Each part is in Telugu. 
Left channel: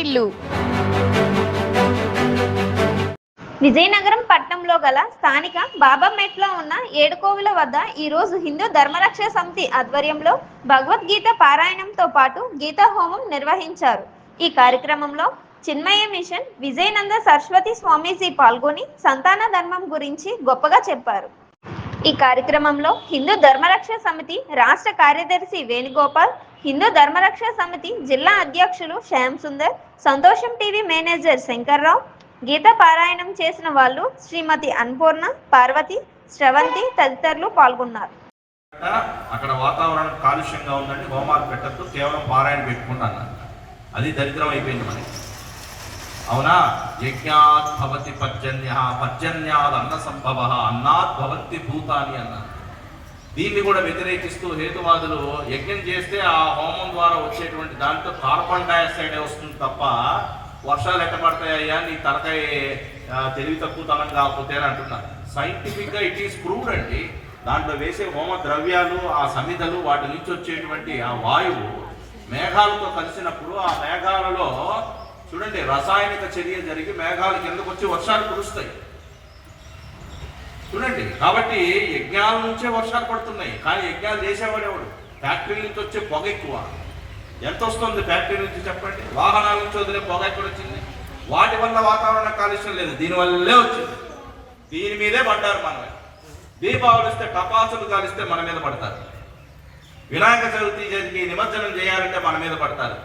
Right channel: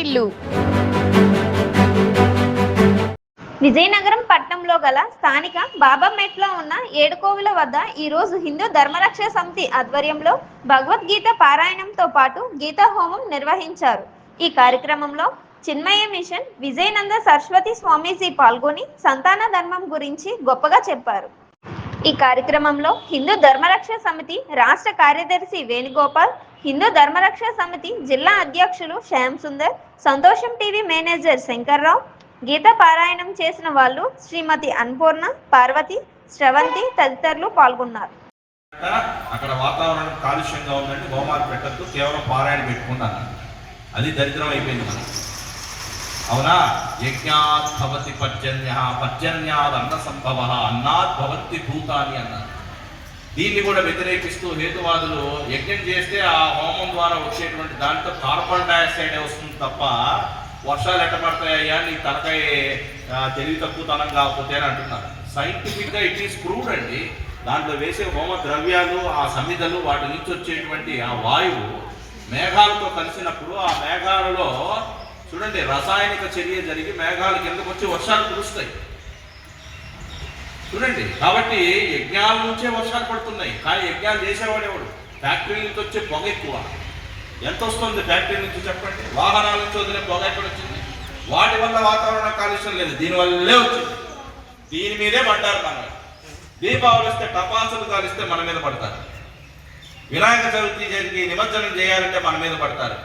వాకిటిల్లు. విజయనగరం పట్టణంలో గల స్థానిక బాబామెట్లో ఉన్న ఏడుకోవిల వద్ద ఈరోజు హిందూ ధర్మరక్షణ సమితి ఆధ్వర్యంలో భగవద్గీత పారాయణంతో పాటు గీతా హోమం నిర్వహించారు. ఈ కార్యక్రమంలో చిన్మయ మిషన్ విజయనంద సరస్వతి స్వామీజీ పాల్గొని సంతాన ధర్మం గురించి గొప్పగా చెప్పారు. ఈ కార్యక్రమంలో హిందూ ధర్మరక్షణ సమితి రాష్ట్ర కార్యదర్శి వేణుగోపాల్, హిందూ ధర్మరక్షణ సమితి జిల్లా అధ్యక్షులు శ్యామ్ సుందర్, సంతోషం టీవీ మేనేజర్ శంకర్రావు, గీత పారాయణం చేసిన వాళ్ళు శ్రీమతి అన్పూర్ణ, పార్వతి, శ్రవంతి తదితరులు పాల్గొన్నారు. అక్కడ వాతావరణం కాలుష్యంగా ఉందంటే హోమాలు పెట్టద్దు, కేవలం పారాయణ పెట్టుకున్నాను. అది దరిద్రం అయిపోయింది మనకి. అవునా? యజ్ఞాత్ భవతి పర్జన్య, పర్జన్యాద్ అన్న సంభవ, అన్నాత్ భవంతి భూతాని అన్నారు. దీన్ని కూడా వ్యతిరేకిస్తూ హేతువాదులు యజ్ఞం చేస్తే ఆ హోమం ద్వారా వచ్చేటువంటి దాంట్లో కార్బన్ డైఆక్సైడ్ వస్తుంది తప్ప వర్షాలు ఎట్ట పడతాయ్యా, నీ తలకాయ తెలివి తక్కువతనం కాకపోతే అని అంటున్నారు. సైంటిఫిక్గా ఇట్ ఈస్ ప్రూవ్డ్ అండి. దాంట్లో వేసే హోమ ద్రవ్యాలు, ఆ సమిధలు, వాటి నుంచి వచ్చేటువంటి ఆ వాయువు మేఘాలతో కలిసినప్పుడు ఆ మేఘాలలో చూడండి రసాయనిక చర్య జరిగి మేఘాల కిందకు వచ్చి వర్షాలు కురుస్తాయి చూడండి. కాబట్టి యజ్ఞాల నుంచే వర్షాలు పడుతున్నాయి. కానీ యజ్ఞాలు చేసేవాడు ఎవడు? ఫ్యాక్టరీ నుంచి వచ్చే పొగ ఎక్కువ. ఎంత వస్తుంది ఫ్యాక్టరీ నుంచి చెప్పండి? వాహనాల నుంచి వదిలే పొగ ఎక్కడ వచ్చింది? వాటి వల్ల వాతావరణ కాలుష్యం లేదు, దీనివల్లే వచ్చింది. దీని మీదే పడ్డారు మనం. దీపావళి వస్తే టపాసులు కాలిస్తే మన మీద పడతారు. వినాయక చవితి జరిగి నిమజ్జనం చేయాలంటే మన మీద పడతారు.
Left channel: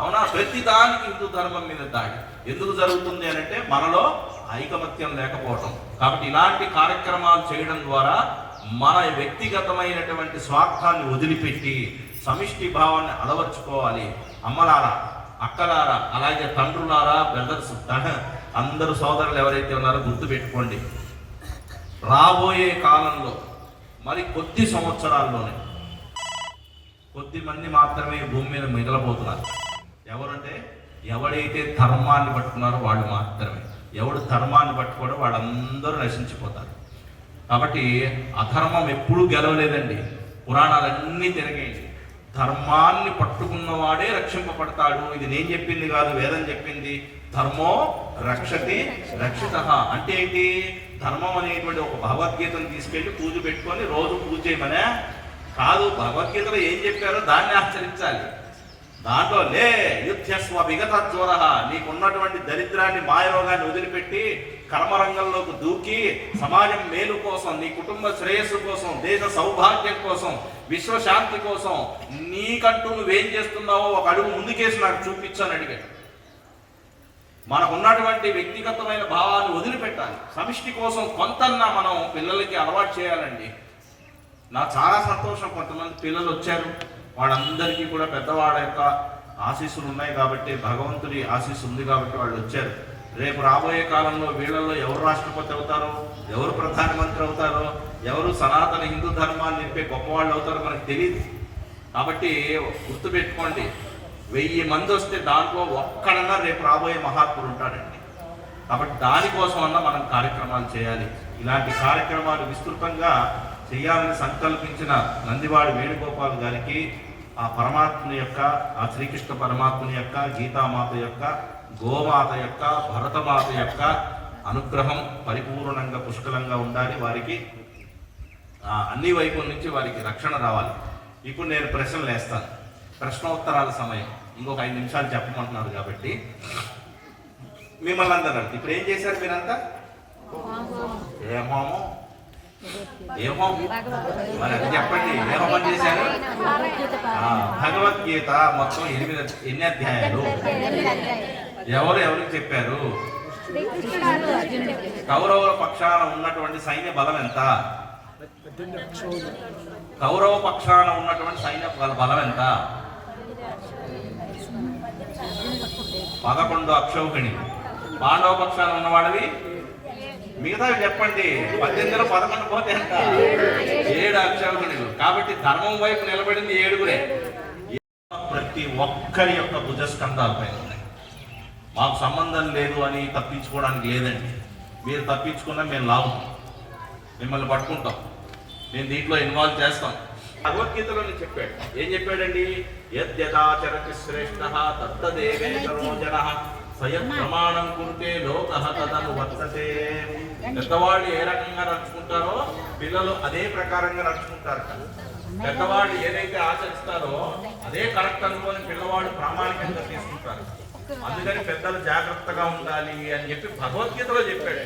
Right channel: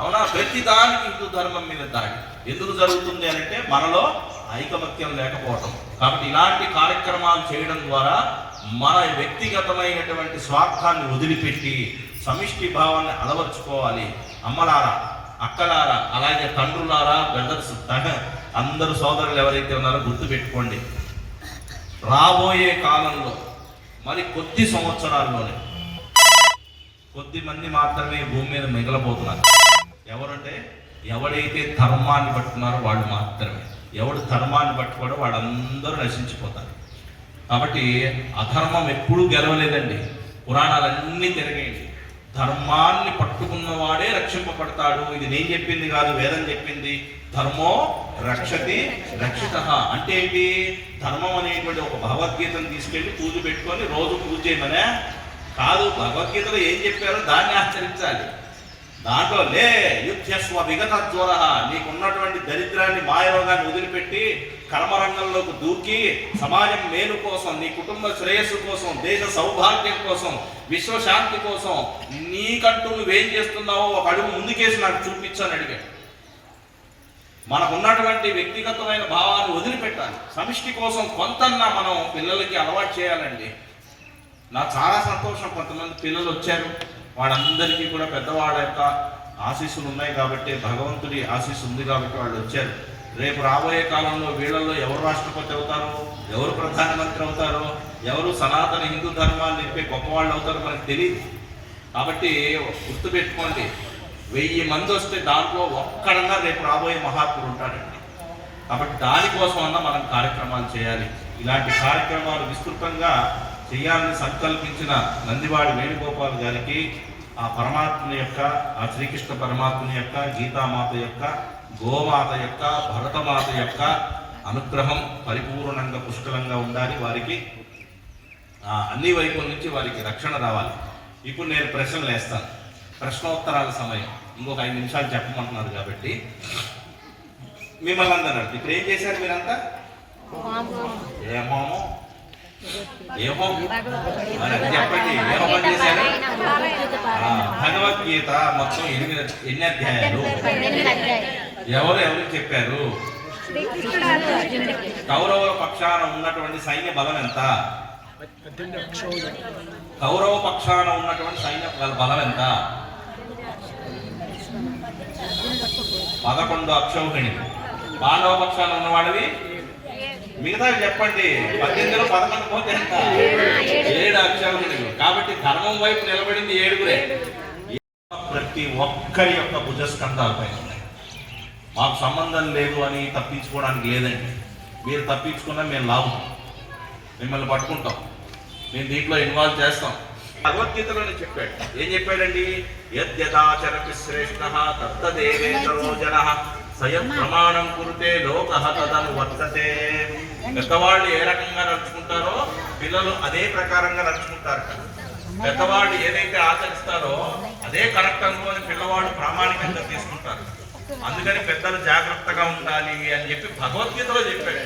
అవునా? ప్రతి దానికి హిందూ ధర్మం మీద దాడి ఎందుకు జరుగుతుంది అని అంటే మనలో ఐకమత్యం లేకపోవటం. కాబట్టి ఇలాంటి కార్యక్రమాలు చేయడం ద్వారా మన వ్యక్తిగతమైనటువంటి స్వార్థాన్ని వదిలిపెట్టి సమిష్టి భావాన్ని అలవర్చుకోవాలి. అమ్మలారా, అక్కలారా, అలాగే తండ్రులారా, బ్రదర్స్, అందరూ సోదరులు ఎవరైతే ఉన్నారో గుర్తుపెట్టుకోండి. రాబోయే కాలంలో మరి కొద్ది సంవత్సరాల్లోనే కొద్ది మంది మాత్రమే భూమి మీద మిగలబోతున్నారు. ఎవరంటే ఎవడైతే ధర్మాన్ని పట్టుకున్నారో వాళ్ళు మాత్రమే. ఎవడు ధర్మాన్ని పట్టుకోడో వాళ్ళందరూ నశించిపోతారు. కాబట్టి అధర్మం ఎప్పుడూ గెలవలేదండి. పురాణాలన్నీ తిరగేయండి. ధర్మాన్ని పట్టుకున్నవాడే రక్షింపబడతాడు. ఇది నేను చెప్పింది కాదు, వేదం చెప్పింది. ధర్మో రక్షతి రక్షిత అంటే ఏంటి? ధర్మం అనేటువంటి ఒక భగవద్గీతను తీసుకెళ్ళి పూజ పెట్టుకొని రోజు పూజ చేయమనే కాదు. భగవద్గీతలో ఏం చెప్పారో దాన్ని ఆచరించాలి. దాంట్లో లే యుద్ధస్వ విగత జ్వర, నీకున్నటువంటి దరిద్రాన్ని, మాయరోగాన్ని వదిలిపెట్టి కర్మరంగంలోకి దూకి సమాజం మేలు కోసం, నీ కుటుంబ శ్రేయస్సు కోసం, దేశ సౌభాగ్యం కోసం, విశ్వశాంతి కోసం నీకంటూ నువ్వేం చేస్తున్నావో ఒక అడుగు ముందుకేసి నాకు చూపించాను అడిగాడు. మనకు ఉన్నటువంటి వ్యక్తిగతమైన భావాన్ని వదిలిపెట్టాలి. సమిష్టి కోసం కొంతన్నా మనం పిల్లలకి అలవాటు చేయాలండి. నాకు చాలా సంతోషం, కొంతమంది పిల్లలు వచ్చారు. వాళ్ళందరికీ కూడా పెద్దవాళ్ళ యొక్క ఆశీస్సులు ఉన్నాయి కాబట్టి, భగవంతుడి ఆశీస్సు ఉంది కాబట్టి వాళ్ళు వచ్చారు. రేపు రాబోయే కాలంలో వీళ్ళల్లో ఎవరు రాష్ట్రపతి అవుతారో, ఎవరు ప్రధానమంత్రి అవుతారో, ఎవరు సనాతన హిందూ ధర్మాన్ని నింపే గొప్పవాళ్ళు అవుతారో మనకు తెలియదు. కాబట్టి గుర్తుపెట్టుకోండి, 1000 మంది వస్తే దాంట్లో ఒక్కడన్నా రేపు రాబోయే మహాత్ముడు ఉంటాడండి. కాబట్టి దానికోసం అన్నా మనం కార్యక్రమాలు చేయాలి. ఇలాంటి కార్యక్రమాలు విస్తృతంగా చేయాలని సంకల్పించిన నందివాడి వేణుగోపాల్ గారికి ఆ పరమాత్ముని యొక్క, ఆ శ్రీకృష్ణ పరమాత్ముని యొక్క, గీతామాత యొక్క, గోమాత యొక్క, భరతమాత యొక్క అనుగ్రహం పరిపూర్ణంగా పుష్కలంగా ఉండాలి. వారికి అన్ని వైపుల నుంచి వారికి రక్షణ రావాలి. ఇప్పుడు నేను ప్రశ్నలు వేస్తాను. ప్రశ్నోత్తరాల సమయం. ఇంకొక 5 నిమిషాలు చెప్పమంటున్నారు కాబట్టి మిమ్మల్ని అందరూ ఇప్పుడు ఏం చేశారు మీరంతా? ఏ హోమం మరి చెప్పండి, ఏ హోమం చేశారు? భగవద్గీత మొత్తం 8 అధ్యాయాలు. ఎవరికి చెప్పారు? కౌరవుల పక్షాన ఉన్నటువంటి సైన్య బలం ఎంత? కౌరవ పక్షాన ఉన్నటువంటి సైన్య బలం ఎంత? 11 అక్షౌహిణి. పాండవ పక్షాన ఉన్నవాడివి మిగతా చెప్పండి. 18లో 11 పోతే ఎంత? 7 అక్షౌహిణులు. కాబట్టి ధర్మం వైపు నిలబడింది 7గురే. ప్రతి ఒక్కరి యొక్క భుజస్కంధాల పైన ఉన్నాయి. మాకు సంబంధం లేదు అని తప్పించుకోవడానికి లేదండి. మీరు తప్పించుకున్నా మేము లాభం, మిమ్మల్ని పట్టుకుంటాం, మేము దీంట్లో ఇన్వాల్వ్ చేస్తాం. భగవద్గీతలోనే చెప్పాడు. ఏం చెప్పాడండి? యద్యదాచరతి శ్రేష్ఠ తత్తదేవేతరో జనః స్వయం ప్రమాణం కురుతే లోకః తదను వర్తతే. పెద్దవాళ్ళు ఏ రకంగా నడుచుకుంటారో పిల్లలు అదే ప్రకారంగా నడుచుకుంటారు. పెద్దవాళ్ళు ఏదైతే ఆచరిస్తారో అదే కరెక్ట్ అనుకోని పిల్లవాళ్ళు ప్రామాణికంగా తీసుకుంటారు. అందుకని పెద్దలు జాగ్రత్తగా ఉండాలి అని చెప్పి భగవద్గీతలో చెప్పాడు.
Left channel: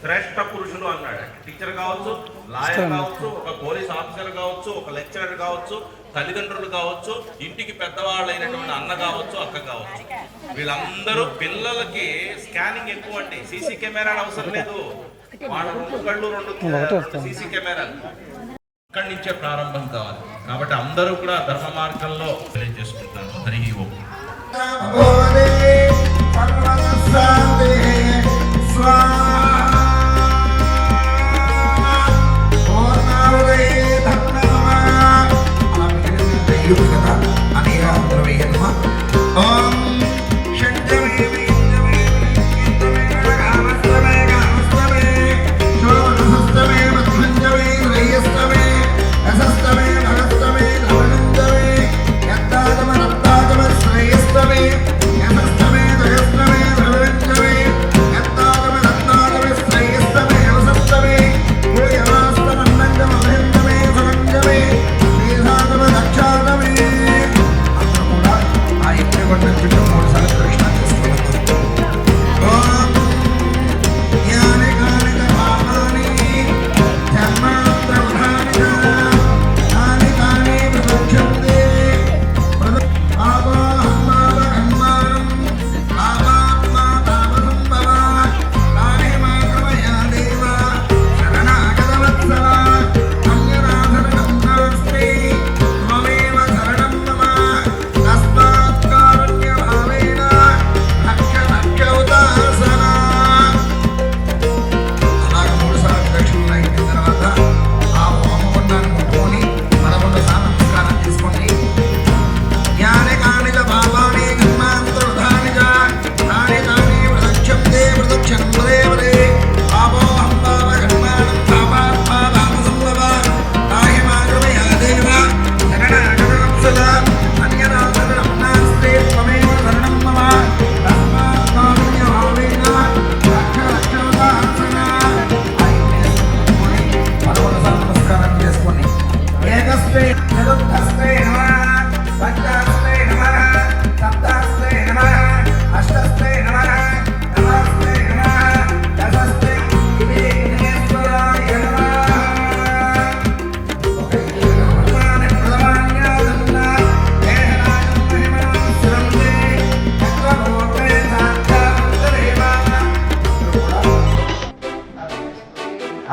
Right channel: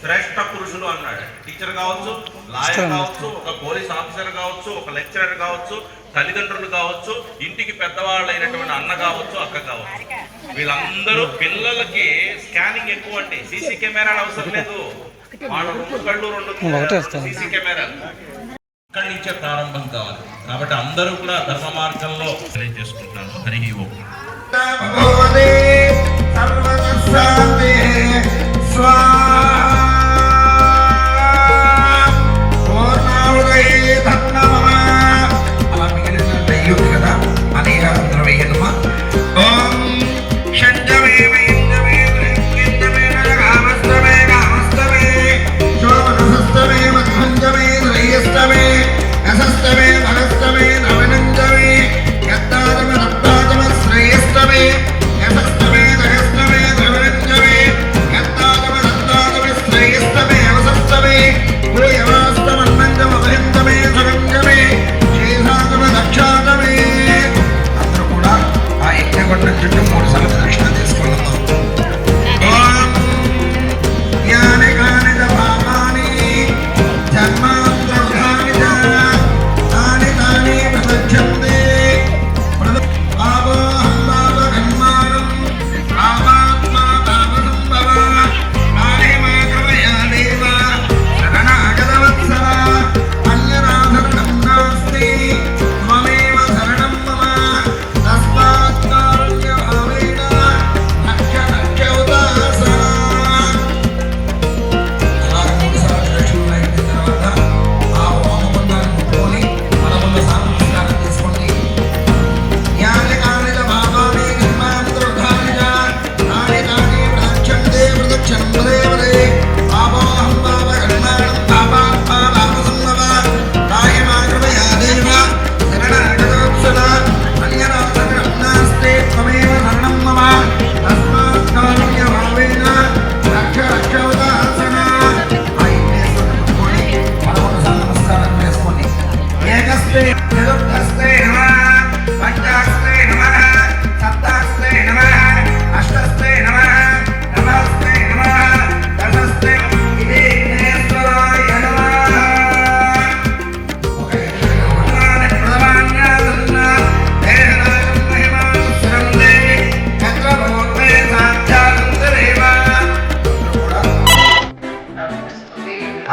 శ్రేష్ఠ పురుషులు అన్నాడు. టీచర్ కావచ్చు, లాయర్ కావచ్చు, ఒక పోలీస్ ఆఫీసర్ కావచ్చు, ఒక లెక్చరర్ కావచ్చు, తల్లిదండ్రులు కావచ్చు, ఇంటికి పెద్దవాళ్ళు అయినటువంటి అన్న కావచ్చు, అక్క కావచ్చు. వీళ్ళందరూ పిల్లలకి స్కానింగ్ ఎక్కువ అంటే సీసీ కెమెరాలు అవసరం లేదు. వాళ్ళ 2 కళ్ళు 2 సీసీ కెమెరాలు ఇక్కడి నుంచే ప్రారంభం కావాలి. కాబట్టి అందరూ కూడా ధర్మ మార్గంలో చేసుకుంటారు. హరి ఓం.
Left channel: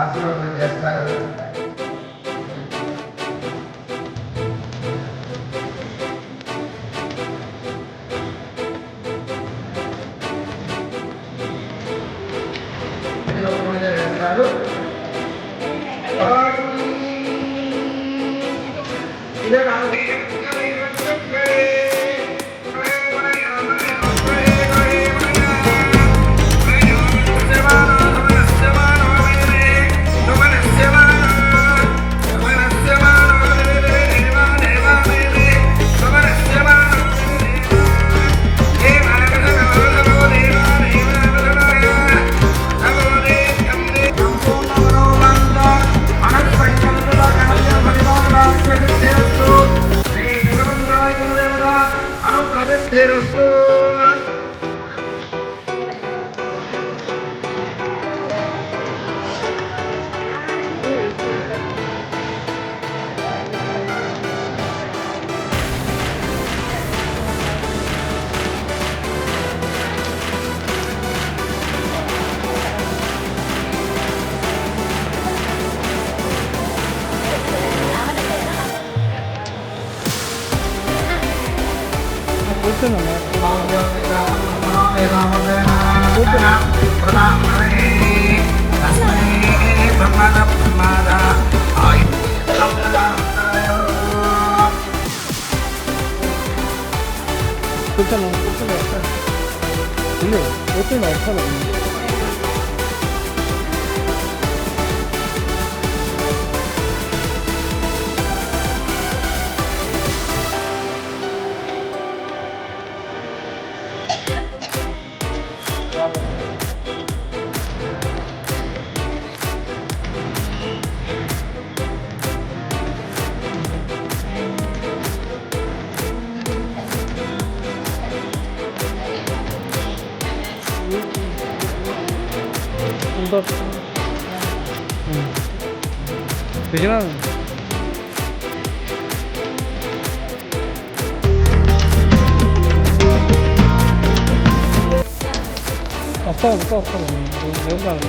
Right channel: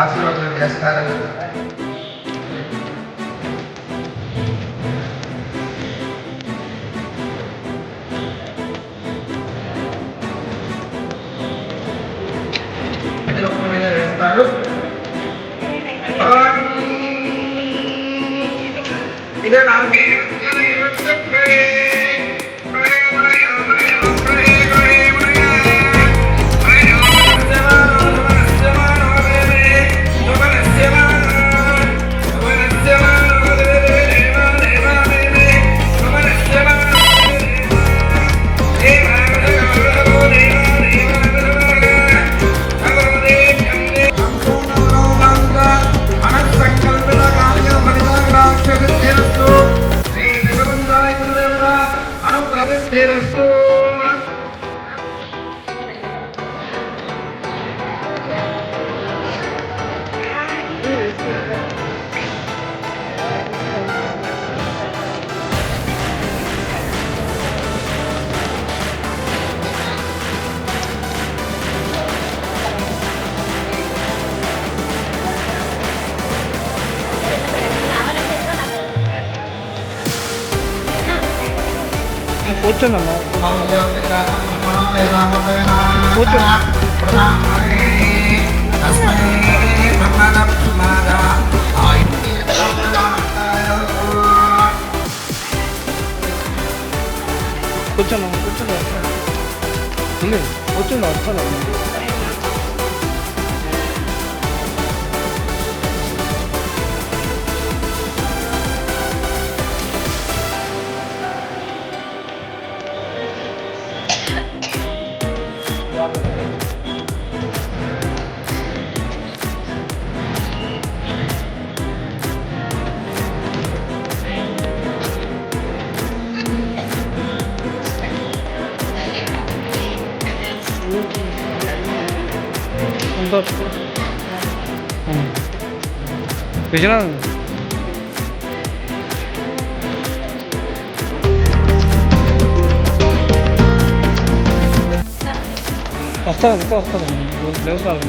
ఆశీర్వాదం చేస్తారు. వేస్తారు. ఇదే నాకు కూర్చున్నా కూర్చున్నా కూర్చున్నా వస్తాను. విజయనగరం వస్తాను ఇంకా వస్తాను లేవు కాదు